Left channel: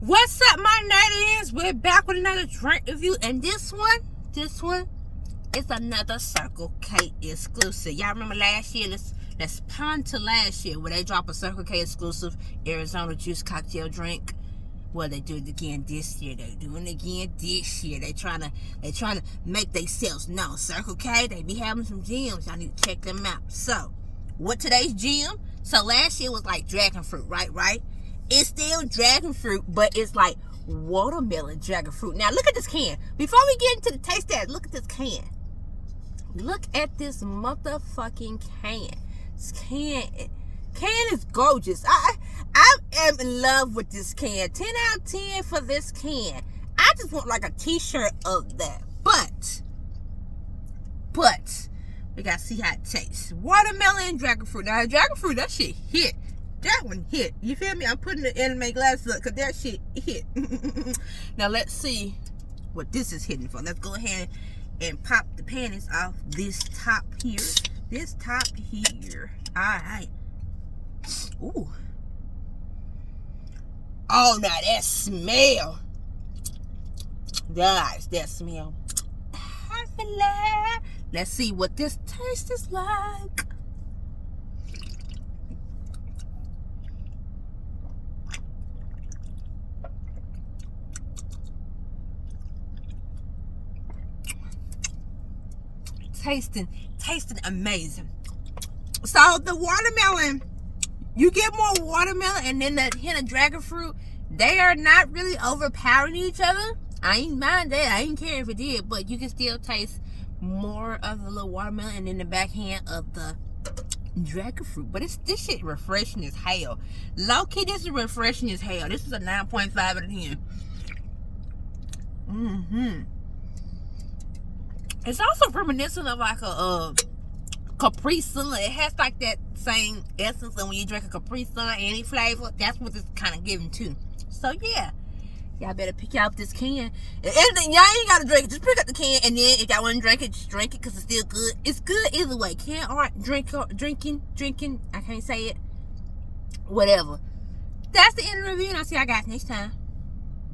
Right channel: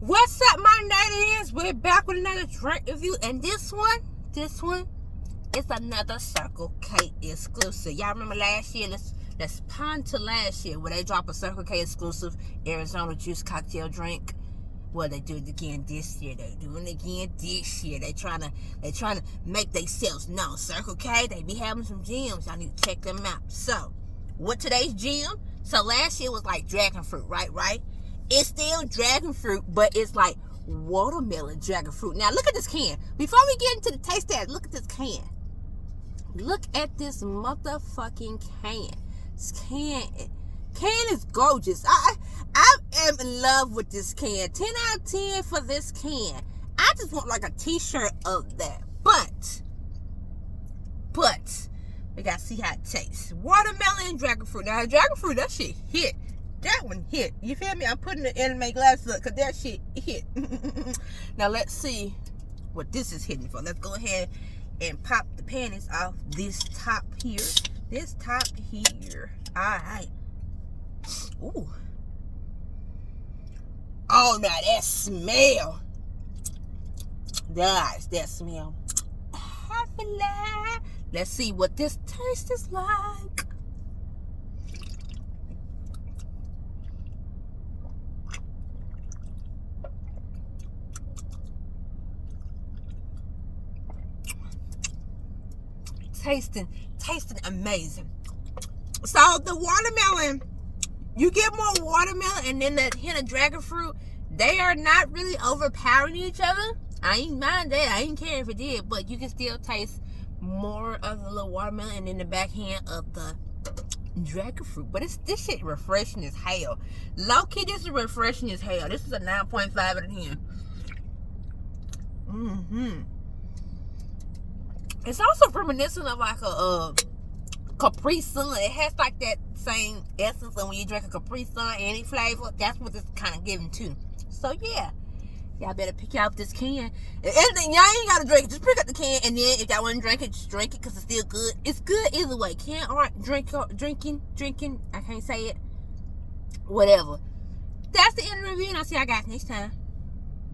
What's up, my natives? We're back with another drink review, and this one is another Circle K exclusive. Y'all remember last year? Let's pun to last year where they drop a Circle K exclusive Arizona juice cocktail drink. Well, they do it again this year. They doing it again this year. They trying to make themselves known. Circle K, they be having some gems. Y'all need to check them out. So, what today's gem? So last year was like Dragonfruit, right? It's still Dragonfruit, but it's like watermelon Dragonfruit. Now look at this can. Before we get into the taste test, look at this can. Look at this motherfucking can. This can is gorgeous. I am in love with this can. 10 out of 10 for this can. I just want like a t-shirt of that. But we gotta see how it tastes. Watermelon Dragonfruit. Now Dragonfruit, that shit hit. That one hit. You feel me? I'm putting the anime glasses up because that shit hit. Now let's see what this is hitting for. Let's go ahead and pop the panties off this top here. Alright. Ooh. Oh, now that smell. Guys, that smell. Let's see what this taste is like. Tasting amazing. So the watermelon, you get more watermelon and then the hint of dragon fruit. They are not really overpowering each other. I ain't mind that. I ain't care if it did, but you can still taste more of the little watermelon and then the backhand of the dragon fruit. But this shit refreshing as hell. Low key, this is refreshing as hell. This is a 9.5 out of 10. It's also reminiscent of like a Capri Sun. It has like that same essence, and when you drink a Capri Sun, any flavor, that's what it's kind of giving too. So yeah, y'all better pick out this can. And y'all ain't gotta drink it. Just pick up the can, and then if y'all want to drink it, just drink it because it's still good. It's good either way. Can or drinking. I can't say it. Whatever. That's the end of the review, and I'll see y'all guys next time.